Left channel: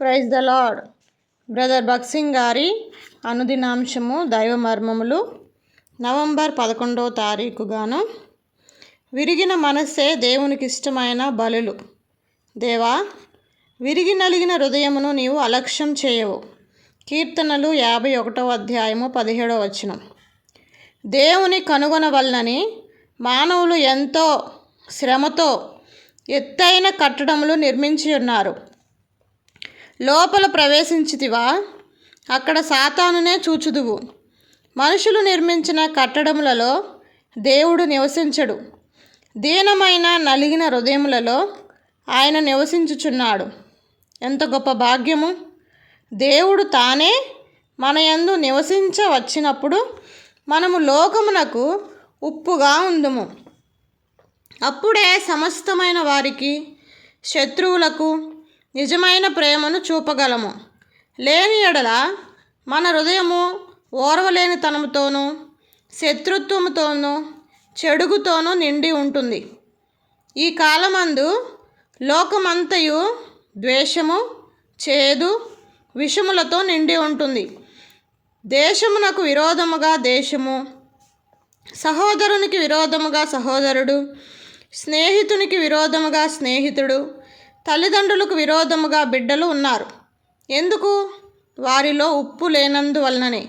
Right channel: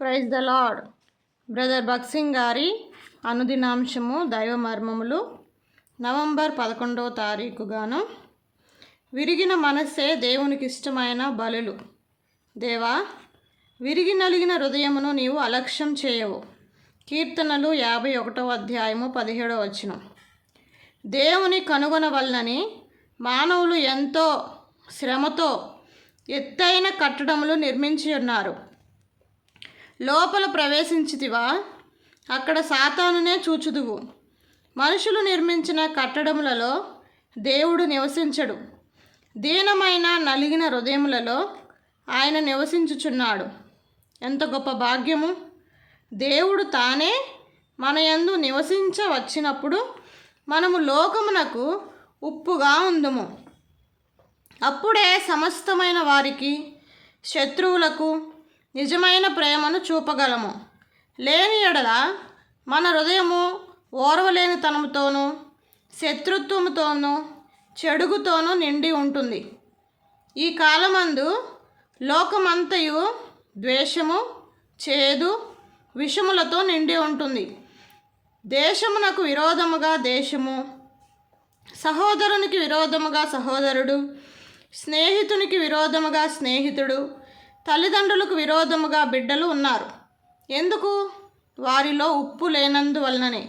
Praise the Lord brother భక్సింగ్ గారి అనుదినాంశము దైవ మర్మములు నవంబర్ పదకొండవ తారీఖు గాను విరిగిన మనస్సే దేవునికి ఇష్టమైన బలులు. దేవా విరిగి నలిగిన హృదయమును నీవు అలక్ష్యం చేయవు. కీర్తనలు యాభై ఒకటవ అధ్యాయము పదిహేడవ వచనం. దేవుని కనుగొనవలనని మానవులు ఎంతో శ్రమతో ఎత్తైన కట్టడములు నిర్మించి ఉన్నారు. లోపల ప్రవేశించితివా? అక్కడ సాతానునే చూచుదువు. మనుషులు నిర్మించిన కట్టడములలో దేవుడు నివసించడు. దీనమైన నలిగిన హృదయములలో ఆయన నివసించుచున్నాడు. ఎంత గొప్ప భాగ్యము! దేవుడు తానే మన యందు నివసించవచ్చినప్పుడు మనము లోకమునకు ఉప్పుగా ఉందుము. అప్పుడే సమస్తమైన వారికి శత్రువులకు నిజమైన ప్రేమను చూపగలము. లేని ఎడల మన హృదయము ఓర్వలేనితనంతోనూ శత్రుత్వముతోనూ చెడుగుతోనూ నిండి ఉంటుంది. ఈ కాలమందు లోకమంతయు ద్వేషము చేదు విషములతో నిండి ఉంటుంది. దేశమునకు విరోధముగా దేశము సహోదరునికి విరోధముగా సహోదరుడు స్నేహితునికి విరోధముగా స్నేహితుడు తల్లిదండ్రులకు విరోధముగా బిడ్డలు ఉన్నారు. ఎందుకు? వారిలో ఉప్పు లేనందువలననే.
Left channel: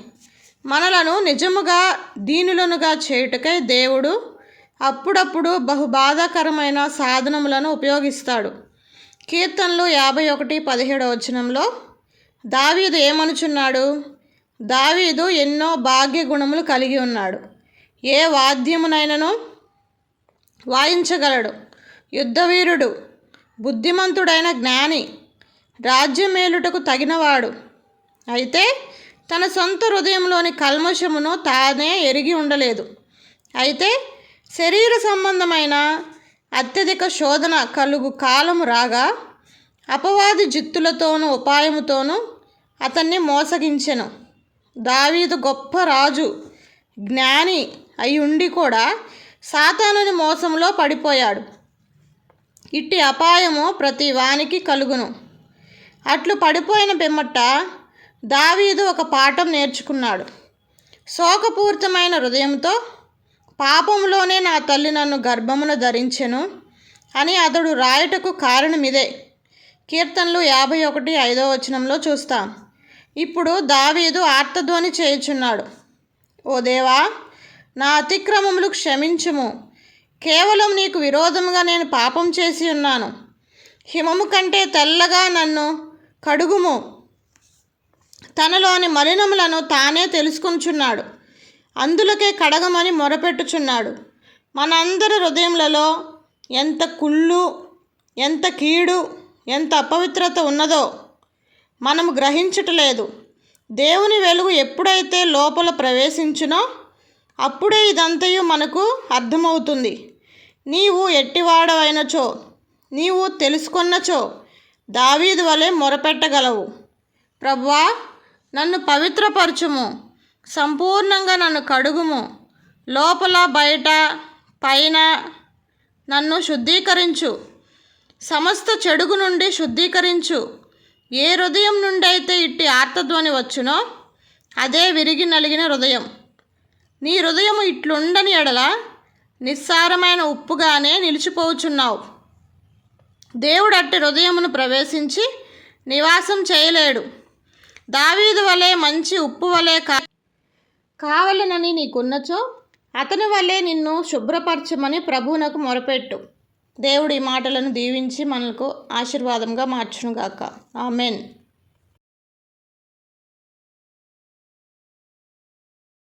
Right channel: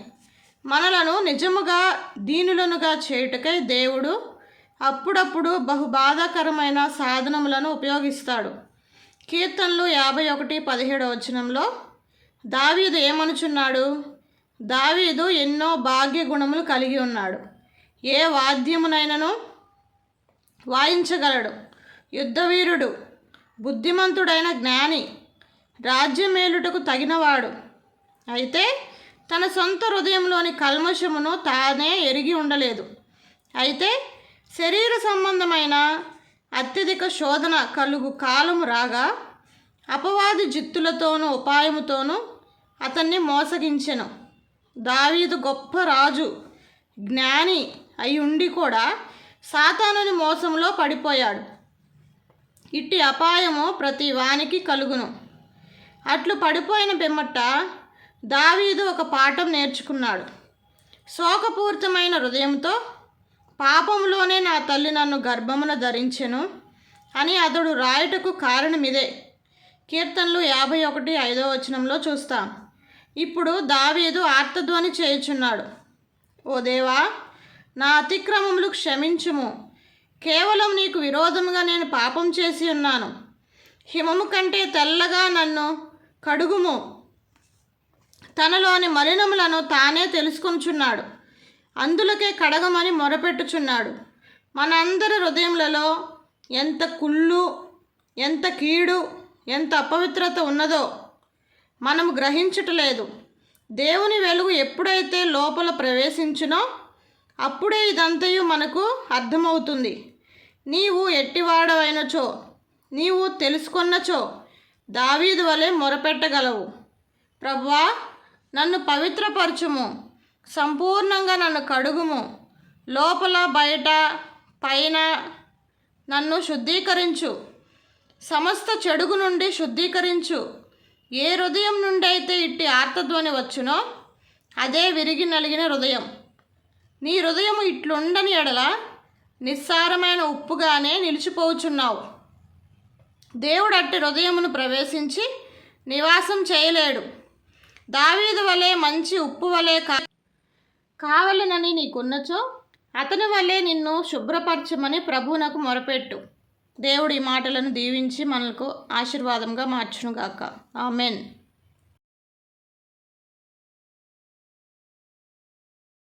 మనలను నిజముగా దీనులనుగా చేయుటకై దేవుడు అప్పుడప్పుడు బహు బాధాకరమైన సాధనములను ఉపయోగిస్తాడు. కీర్తనలు యాభై ఒకటి పదిహేడవ వచనంలో దావీదు ఏమనుచున్నాడు? దావీదు ఎన్నో భాగ్య గుణములు కలిగి ఉన్నాడు. ఏ వాద్యమునైనను వాయించగలడు? యుద్ధవీరుడు బుద్ధిమంతుడైన జ్ఞాని రాజ్యమేలుటకు తగినవాడు. అయితే తన సొంత హృదయంలోని కల్మషమును తానే ఎరిగి ఉండలేదు. అయితే శరీర సంబంధమైన అత్యధిక శోధన కలుగు కాలము రాగా అపవాది జిత్తులతోనూ ఉపాయముతోనూ అతన్ని మోసగించెను. దావీదు గొప్ప రాజు జ్ఞాని అయి ఉండి కూడా సాతానుని మోసంలో పడిపోయాడు. ఇట్టి అపాయము ప్రతి వానికి కలుగును. అట్లు పడిపోయిన పిమ్మట దావీదు ఒక పాఠం నేర్చుకున్నాడు. శోకపూరితమైన హృదయంతో పాపంలోనే నా తల్లి నన్ను గర్భమున ధరించెను అని అతడు రాయుటకు కారణమిదే. కీర్తనలు యాభై ఒకటి ఐదో వచనంలో చూస్తాం. ఇప్పుడు దావీదు ఆర్తధ్వని చేయుచున్నాడు. ఓ దేవా నా అతిక్రమములు క్షమించుము. కేవలం నీకు విరోధముగా నేను పాపం చేసి ఉన్నాను. హిమము కంటే తెల్లగా నన్ను కడుగుము. తనలోని మలినములను తానే తెలుసుకొనుచున్నాడు. అందులకే కడగమని మొరపెట్టుచున్నాడు. మనందరి హృదయములలో ఎంత కుళ్ళు ఎంత కీడు ఎంత అపవిత్రత ఉన్నదో మనము గ్రహించటలేదు. దేవుని వెలుగు ఎప్పుడైతే లోపల ప్రవేశించునో అప్పుడే ఇదంతయు మనకు అర్థమవుతుంది. నీవు ఎట్టివాడవైనచో నీవు తెలుసుకున్నచో దావీదు వలె మొరపెట్టగలవు. ప్రభువా నన్ను పవిత్రపరచుము సంపూర్ణంగా నన్ను కడుగుము. లోపల బయట పైన నన్ను శుద్ధీకరించు. సమస్త చెడుగు నుండి శుద్ధీకరించు. ఏ హృదయం నుండి అయితే ఇట్టి ఆర్తధ్వని వచ్చునో అదే విరిగి నలిగిన హృదయం. నీ హృదయం ఇట్లుండని ఎడల నిస్సారమైన ఉప్పుగానే నిలిచిపోచున్నావు. దేవుడు అట్టి హృదయమును ప్రవేశించి నివాసం చేయలేడు. దావీదు వలె మంచి ఉప్పు వలె కా కావలనని నీకున్నచో అతని వల్లే నిన్ను శుభ్రపరచమని ప్రభువునకు మొరపెట్టు. దేవుడి మాటలను దీవించి మనకు ఆశీర్వాదంగా మార్చునుగాక. ఆమెన్.